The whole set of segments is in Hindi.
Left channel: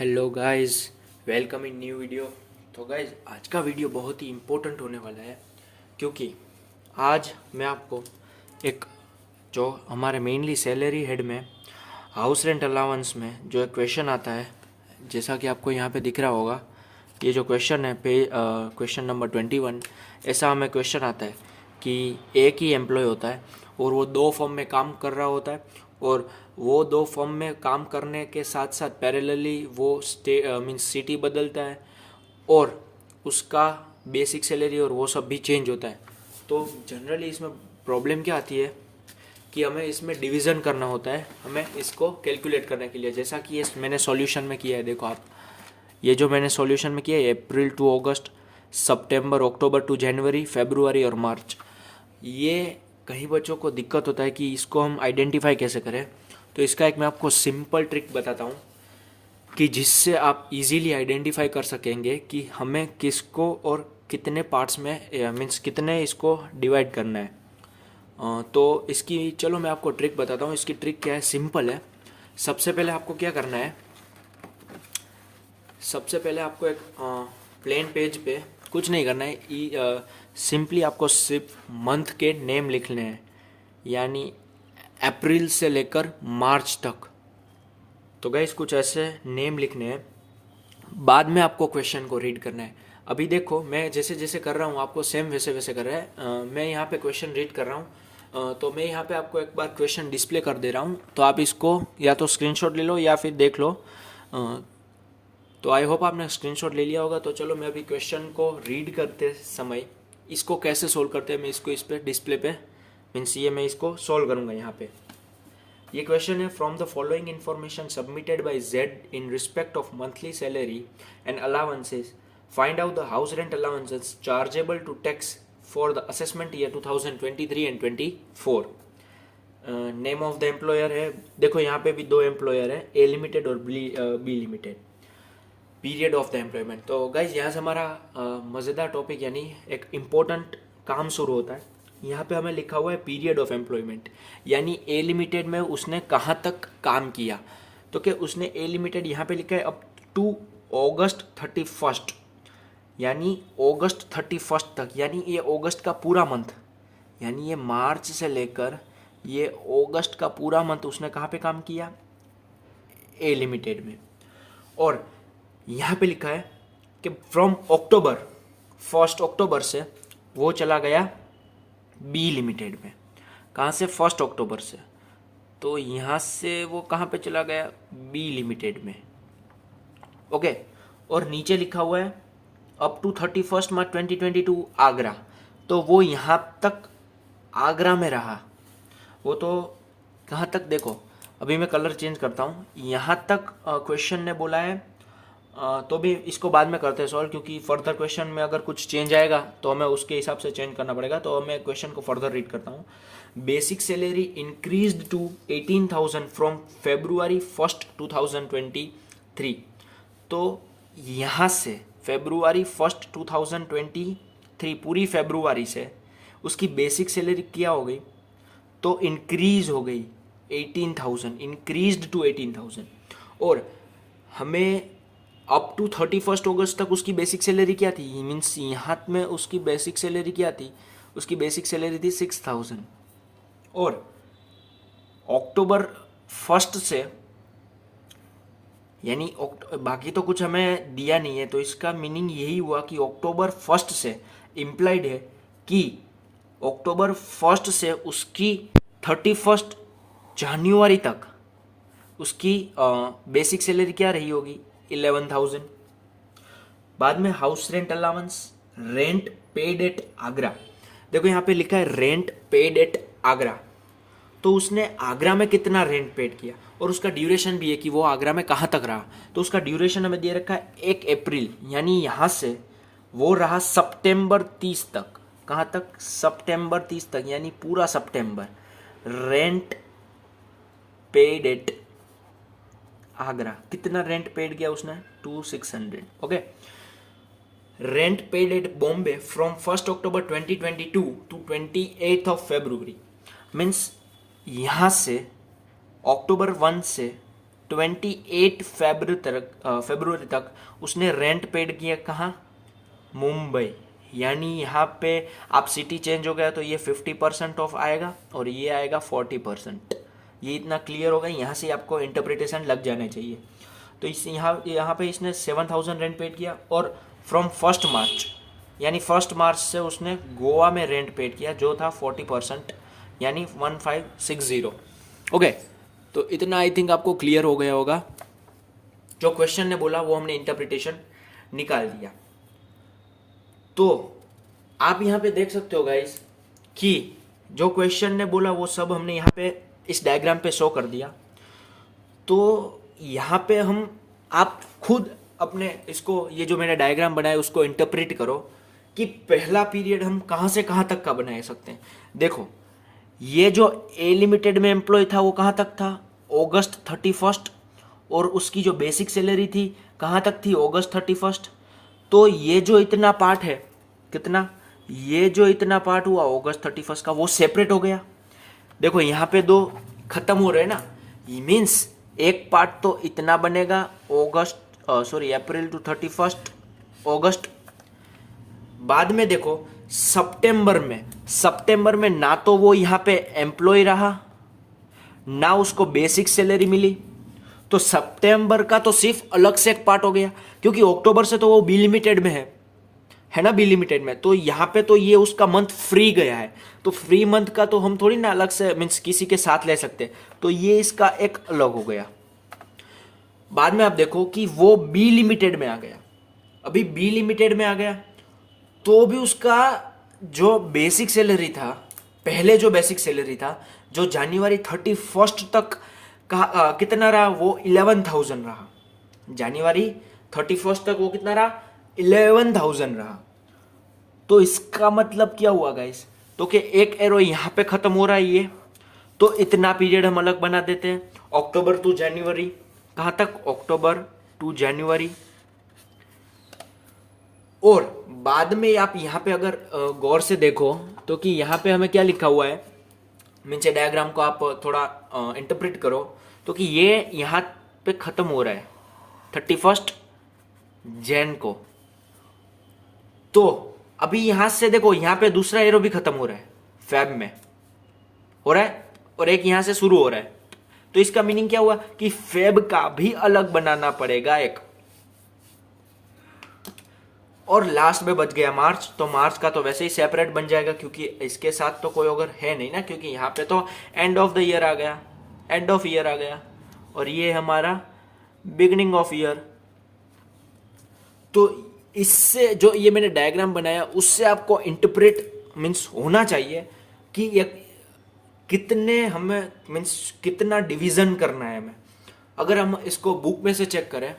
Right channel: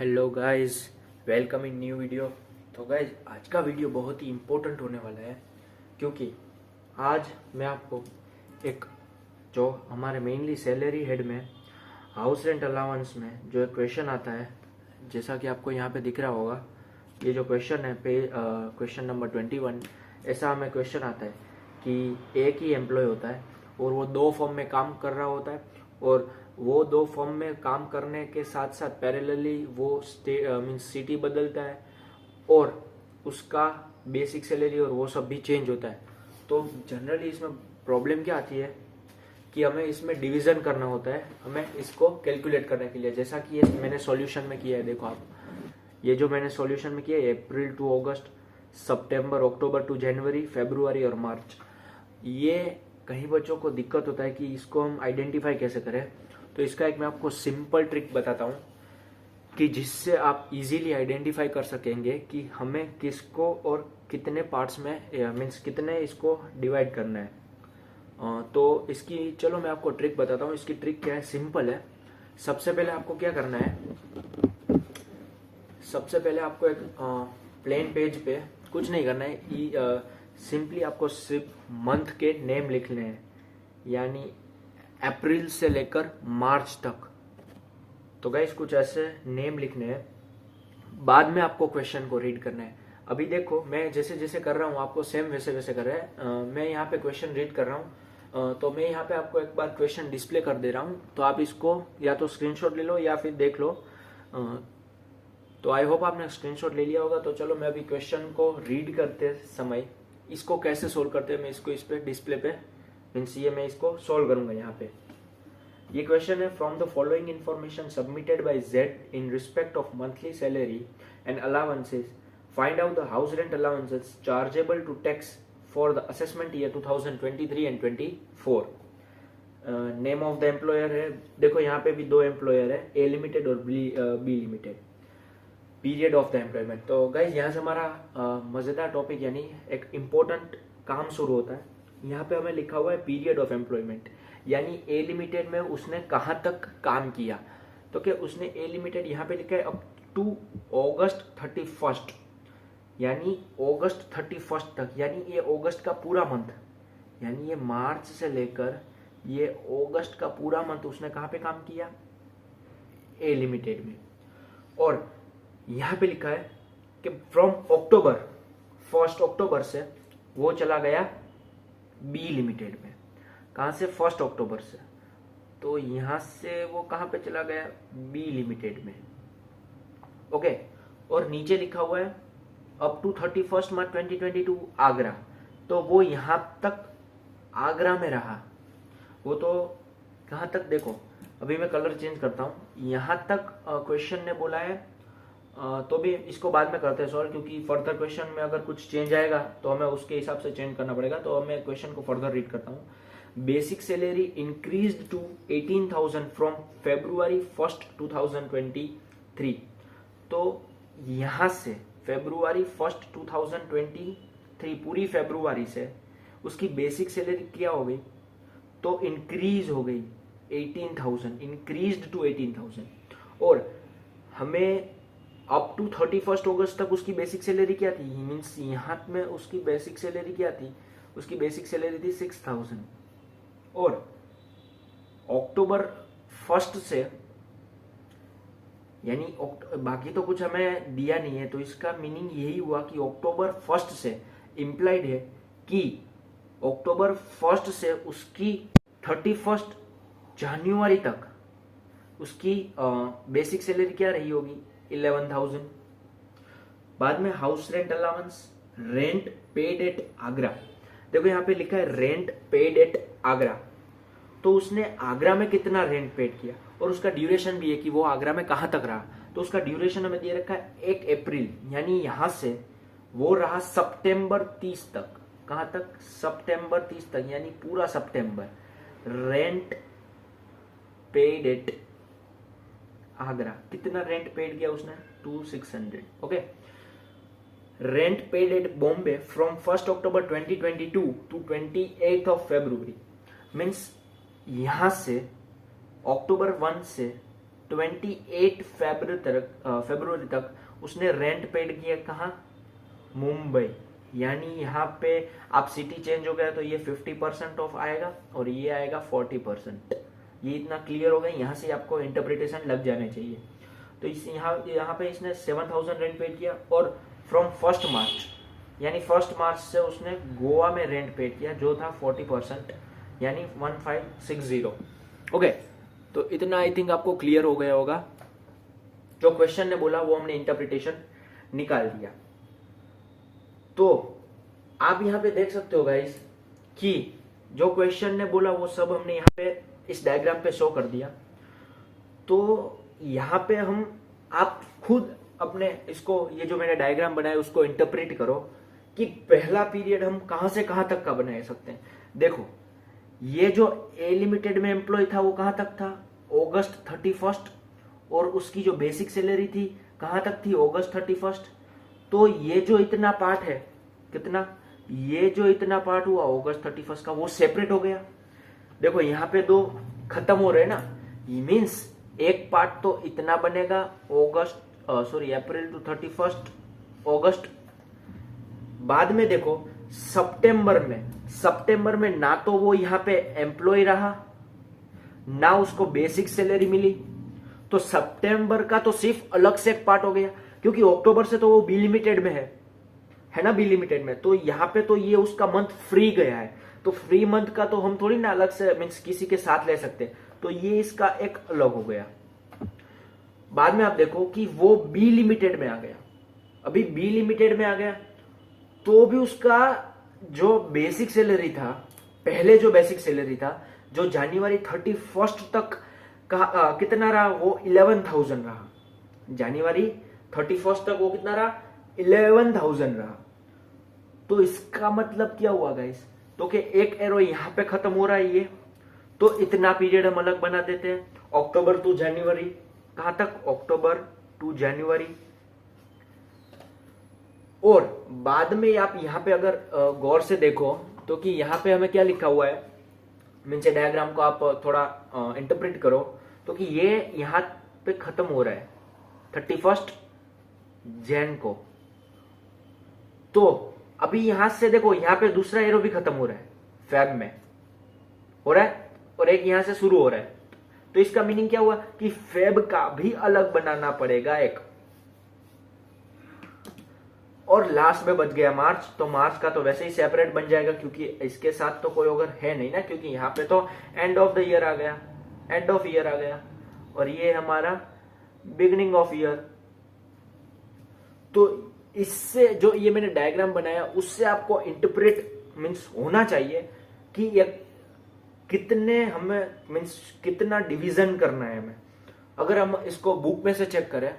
Hello guys, welcome in new video. तो गाइस, आज का वीडियो बहुत ही इम्पोर्टेंट होने वाला है क्योंकि आज मैं आपको एक जो हमारे मेनली सैलरी हेड में हाउस रेंट अलाउंस में जो एक क्वेश्चन आता है, जैसा कि आपको यहाँ पे दिख रहा होगा। ये जो क्वेश्चन है क्वेश्चन नंबर 21, ऐसा हमें क्वेश्चन आता है कि एक ही एम्प्लॉय होता है और वो दो फर्म में काम कर रहा होता है और वो दो फर्म में काम करने के साथ साथ पैरेलली वो मीन्स सिटी बदलता है और उसका बेसिक सैलरी और वो सब भी चेंज होता है। तो जनरली इसमें प्रॉब्लम क्या आती है कि हमें इसमें डिवीज़न करना होता है, हमें इसको कैलकुलेट करने के लिए। जैसा कि ये मैंने सॉल्यूशन में किया है, देखो आप, ये जो मैंने सॉल्यूशन में किया है अप्रैल to August, September October to जनवरी, फरवरी और मार्च। ये कई बच्चों को दिक्कत होता है कि इसको हम आइडेंटिफाई कैसे करें। तो इसका एक मैं आपको सिंपल ट्रिक बताता हूँ कि जिससे आप इजीली आइडेंटिफाई कर सकेंगे कि हमें किसको और कितने पार्ट्स में मीन्स कितने इसको डिवाइड करना है। तो इसकी चलो मैं आपको ट्रिक बताता हूँ। इसकी ट्रिक क्या है, सिंपल है। सबसे पहले आपको क्या करना है, सबसे पहले आपको एक प्लेन पेज पे कुछ नहीं करना है, सिंपली आपको सिर्फ मंथ के नेम लिखने हैं, यानी अप्रैल से लेकर मार्च तक। तो गाइस कुछ ऐसे नेम लिखने हैं, बाद में आपको क्वेश्चन को रीड करना है। अभी देखो मैं जैसे जैसे कर रहा हूँ आपको सेम वैसे वैसे कर रहा है। मैं यहाँ पे क्वेश्चन रीड कर रहा हूँ, तो मैं यहाँ पे आपको एक बार क्वेश्चन डिस्प्ले कर दे रहा हूँ, तो आप इसको या तो स्क्रीनशॉट ले लो या फिर देख लो। तो आई होप आपने स्क्रीनशॉट ले लिया होगा। तो चलो मैं अभी क्वेश्चन को रीड करते समय इसको कैसे सोल्व करते हैं मैं इसको इस पे डिस्प्ले पे मीन्स ये मैं इसको सोल्व करूँगा यहाँ पे। ये क्वेश्चन है, from the following information submitted by Z in respect of monthly salary and allowances find out the house rent allowances chargeable to tax for the assessment year 2023 and 24। Name of the employer है, देखो यहाँ पे भी दो एम्प्लॉयर है, ए लिमिटेड और B limited. Period of the employment. तो गाइज यहाँ से हमारा मज़ेदार टॉपिक यानी एक इम्पोर्टेंट काम शुरू होता है। यहाँ पे हमें लिखा हुआ है पीरियड ऑफ एम्प्लॉयमेंट, यानी ए लिमिटेड में उसने कहाँ तक काम किया। तो क्या उसने ए लिमिटेड यहाँ पे लिखा है अप टू अगस्त 31, यानी अगस्त 31 तक, यानी ये अगस्त का पूरा मंथ, यानी ये मार्च से लेकर ये अगस्त का पूरा मंथ उसने कहाँ पे काम किया, ए लिमिटेड में। और यहाँ पे लिखा है कि फ्रॉम अक्टूबर 1 अक्टूबर से वो चला गया बी लिमिटेड में। कहाँ से, 1 अक्टूबर से, तो यहाँ से वो कहाँ पे चला गया, बी लिमिटेड में। ओके, और नीचे लिखा हुआ है अप टू 31 मार्च 2022 आगरा, तो वो यहाँ तक आगरा में रहा। वो तो कहाँ तक, देखो अभी मैं कलर चेंज करता हूँ, यहाँ तक क्वेश्चन ने बोला है। तो भी इसको बाद में करते हैं सॉल्व, क्योंकि फर्दर क्वेश्चन में अगर कुछ चेंज आएगा तो हमें उसके हिसाब से चेंज करना पड़ेगा। तो मैं क्वेश्चन को फर्दर रीड करता हूँ। Basic salary increased to 18,000 from February 1, 2023। तो यहाँ से February 1, 2023 पूरी फरवरी से उसकी बेसिक सैलरी क्या हो गई, तो इंक्रीज हो गई 18,000, इंक्रीज्ड टू 18,000। और हमें अप टू 31 अगस्त तक उसकी बेसिक सैलरी क्या थी, मीन्स यहाँ में उसकी बेसिक सैलरी क्या थी, उसकी बेसिक सैलरी थी 6,000। और अक्टूबर 1 से, यानी बाकी तो कुछ हमें दिया नहीं है, तो इसका मीनिंग यही हुआ कि अक्टूबर 1 से इम्प्लाइड है कि अक्टूबर 1 से उसकी 31 जनवरी तक उसकी बेसिक सैलरी क्या रही होगी, 11,000। बाद में house rent allowance, rent paid at Agra. देखो यहाँ पे लिखा है रेंट पेड एट आगरा, तो उसने आगरा में कितना रेंट पेड किया, और उसका ड्यूरेशन भी है कि वो आगरा में कहाँ तक रहा। तो उसका ड्यूरेशन हमें दे रखा है 1 अप्रैल, यानी यहाँ से वो रहा सितंबर 30 तक। कहाँ तक, सितंबर 30 तक, यानी पूरा सितंबर। रेंट पेड एट आगरा, कितना रेंट पेड किया उसने, 2,600। Okay, rent paid at Bombay from 1 October 2022 to 28 February. Means यहाँ से अक्टूबर 1 से फरवरी तक उसने रेंट पेड किया कहाँ? मुंबई। यानी यहाँ पे आप सिटी चेंज हो गया तो ये 50% ऑफ आएगा और ये आएगा 40%। ये इतना क्लियर हो गया, यहाँ से आपको इंटरप्रिटेशन लग जाने चाहिए। तो इस यहाँ पे इसने 7,000 रेंट पेड किया और फ्रॉम 1 मार्च यानी 1 मार्च से उसने गोवा में रेंट पेड किया जो था 40% यानी 1560। ओके, तो इतना आई थिंक आपको क्लियर हो गया होगा। जो क्वेश्चन ने बोला वो हमने इंटरप्रिटेशन निकाल दिया। तो आप यहाँ पे देख सकते हो गाइस कि जो क्वेश्चन ने बोला वो सब हमने यहाँ पे इस डायग्राम पे शो कर दिया। तो यहाँ पे आप खुद अपने इसको, ये जो मैंने डायग्राम बनाया उसको इंटरप्रेट करो कि पहला पीरियड हम कहाँ से कहाँ तक का बना सकते हैं। देखो, ये जो ए लिमिटेड में एम्प्लॉय था वो कहाँ तक था? अगस्त 31। और उसकी जो बेसिक सैलरी थी कहाँ तक थी? अगस्त 31। तो ये जो इतना पार्ट है, कितना, ये जो इतना पार्ट हुआ अगस्त 31 का, वो सेपरेट हो गया। देखो यहाँ पे दो खत्म हो रहे हैं ना, ये मीन्स एक पार्ट तो इतना बनेगा अप्रैल टू 31 अगस्त। बाद में देखो सितंबर में ना तो वो यहाँ पे एम्प्लॉय रहा ना उसको बेसिक सैलरी मिली, तो सितंबर का तो सिर्फ अलग से एक पार्ट हो गया, क्योंकि अक्टूबर से तो वो बी लिमिटेड में है ना, बी लिमिटेड में। तो यहाँ पे तो ये उसका मंथ फ्री गया है, तो फ्री मंथ का तो हम थोड़ी ना अलग से मीन्स किसी के साथ ले सकते, तो ये इसका एक अलग हो गया। बाद में आप देखो कि वो बी लिमिटेड में आ गया। अभी बी लिमिटेड में आ गया तो भी उसका जो बेसिक सैलरी था, पहले जो बेसिक सैलरी था जो जनवरी 31 तक का कितना रहा? वो 11,000 रहा। जनवरी 31 तक वो कितना रहा? 11,000 रहा। तो इसका मतलब क्या हुआ गाइस? तो कि एक एरो यहाँ पे खत्म हो रहा है ये, तो इतना पीरियड हम अलग बना देते हैं, अक्टूबर टू जनवरी। कहाँ तक? अक्टूबर टू जनवरी। और बाद में आप यहाँ पे अगर गौर से देखो तो कि यहाँ पे हमें क्या लिखा हुआ है, मीन्स डायग्राम को आप थोड़ा इंटरप्रेट करो तो कि ये यहाँ पे खत्म हो रहा है 31 जैन को। तो अभी यहां से देखो, यहाँ पे दूसरा एरो भी खत्म हो रहा है, फेब में हो रहा है और एक यहां से शुरू हो रहा है। तो इसका मीनिंग क्या हुआ कि फेब का भी अलग बनाना पड़ेगा एक। और लास्ट में बच गया मार्च, तो मार्च का तो वैसे ही सेपरेट बन जाएगा क्योंकि इसके साथ तो कोई अगर है नहीं ना, क्योंकि यहाँ पे तो एंड ऑफ द ईयर आ गया, एंड ऑफ ईयर आ गया और ये हमारा बिगिनिंग ऑफ ईयर। तो इससे जो ये मैंने डायग्राम बनाया उससे आपको इंटरप्रेट मीन्स होना चाहिए कि ये कितने हमें मीन्स कितना डिवीजन करना है हमें। अगर हम इसको बुक में से चेक करें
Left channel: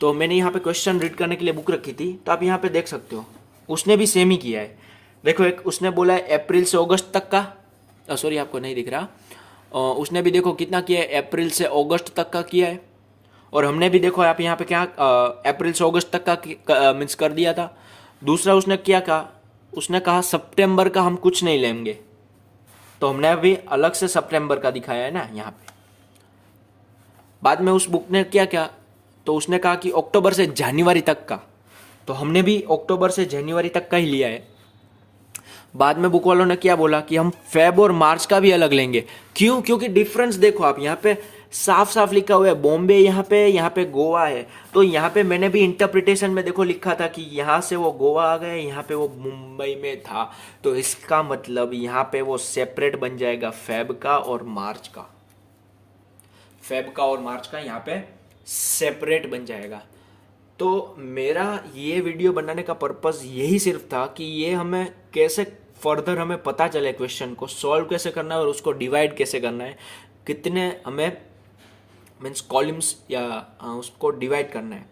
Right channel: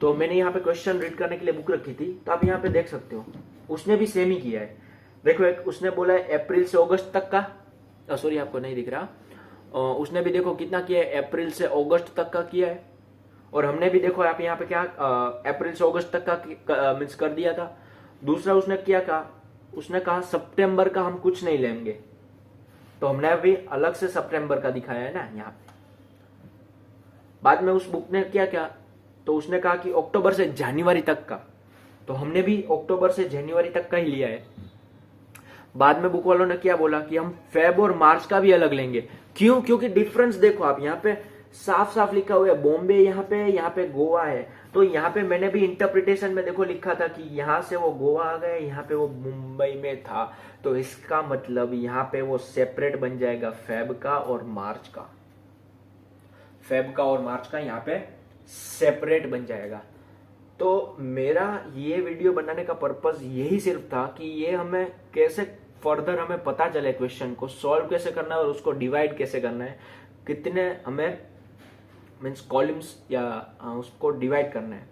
तो मैंने यहाँ पे क्वेश्चन रीड करने के लिए बुक रखी थी, तो आप यहाँ पे देख सकते हो उसने भी सेम ही किया है। देखो, एक उसने बोला है अप्रैल से अगस्त तक का, सॉरी आपको नहीं दिख रहा, उसने भी देखो कितना किया है, अप्रैल से अगस्त तक का किया है। और हमने भी देखो आप यहाँ पे क्या अप्रैल से अगस्त तक का मीन्स कर दिया था। दूसरा उसने क्या कहा, उसने कहा सितंबर का हम कुछ नहीं लेंगे, तो हमने अभी अलग से सितंबर का दिखाया है ना यहाँ पे। बाद में उस बुक ने क्या क्या, तो उसने कहा कि अक्टूबर से जनवरी तक का, तो हमने भी अक्टूबर से जनवरी तक का ही लिया है। बाद में बुक वालों ने क्या बोला कि हम फेब और मार्च का भी अलग लेंगे। क्यों? क्योंकि डिफरेंस देखो आप यहाँ पे साफ साफ लिखा हुआ है, बॉम्बे यहाँ पे गोवा है। तो यहाँ पे मैंने भी इंटरप्रिटेशन में देखो लिखा था कि यहाँ से वो गोवा आ गए, यहाँ पे वो मुंबई में था, तो इसका मतलब यहाँ पे वो सेपरेट बन जाएगा फेब का और मार्च का, फेब का और मार्च का यहाँ पे सेपरेट बन जाएगा। तो मेरा ये वीडियो बनाने का पर्पस यही सिर्फ था कि ये हमें कैसे फर्दर हमें पता चले क्वेश्चन को सॉल्व कैसे करना है और उसको डिवाइड कैसे करना है, कितने हमें मीन्स कॉलम्स या उसको डिवाइड करना है।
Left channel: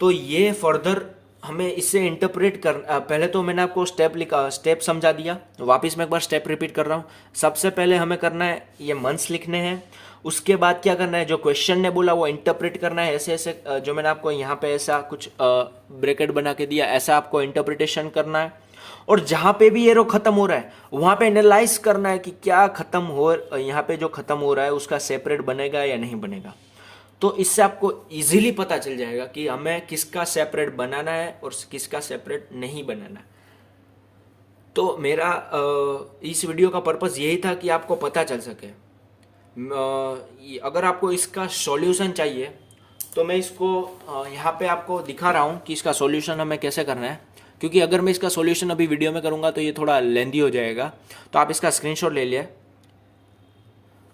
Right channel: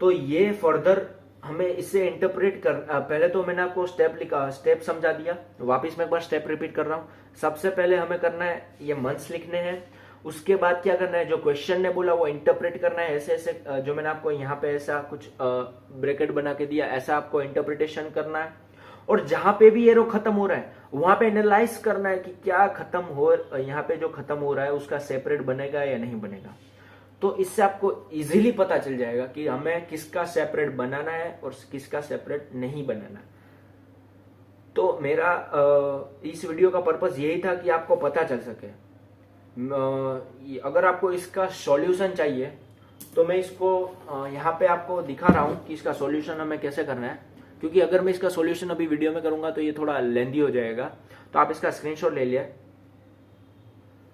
तो ये फर्दर हमें इससे इंटरप्रेट कर, पहले तो मैंने आपको स्टेप समझा दिया, वापस मैं एक बार स्टेप रिपीट कर रहा हूँ। सबसे पहले हमें करना है ये मंथ्स लिखने हैं, उसके बाद क्या करना है, जो क्वेश्चन ने बोला वो इंटरप्रेट करना है, ऐसे ऐसे जो मैंने आपको यहाँ पे ऐसा कुछ ब्रैकेट बना के दिया, ऐसा आपको इंटरप्रिटेशन करना है। और जहाँ पे भी एरो खत्म हो रहा है वहाँ पे एनालाइज करना है कि क्या खत्म हो, यहाँ पे जो खत्म हो रहा है उसका सेपरेट बनेगा या नहीं बनेगा। तो इससे आपको इजीली पता चल जाएगा कि हमें किसका सेपरेट बनाना है और किसका सेपरेट नहीं बनाना है। तो मेरा इस वीडियो का पर्पस यही था कि आपको पता चल सके। अगर आपको इसका सॉल्यूशन चाहिए तो मैं इसको यहाँ पे आपको दिखा रहा हूँ कि इसका सॉल्यूशन हमें कैसे करना है, क्योंकि अगर मैं इसका सॉल्यूशन अभी वीडियो में करूँगा तो ये थोड़ा लेंदी हो जाएगा। तो आप इसका स्क्रीनशॉट ले लिया,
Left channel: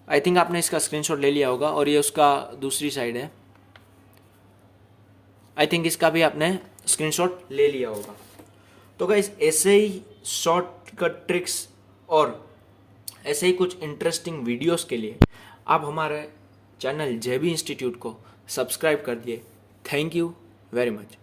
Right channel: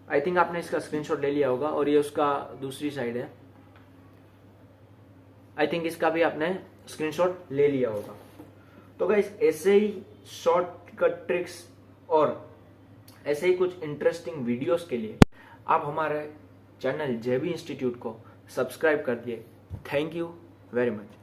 आई थिंक आपने इसका स्क्रीनशॉट ले लिया होगा, और ये उसका दूसरी साइड है, आई थिंक इसका भी आपने स्क्रीनशॉट ले लिया होगा। तो गाइस ऐसे ही शॉर्टकट ट्रिक्स और ऐसे ही कुछ इंटरेस्टिंग वीडियोस के लिए आप हमारे चैनल जेबी इंस्टीट्यूट को सब्सक्राइब कर दिए। Thank you very much.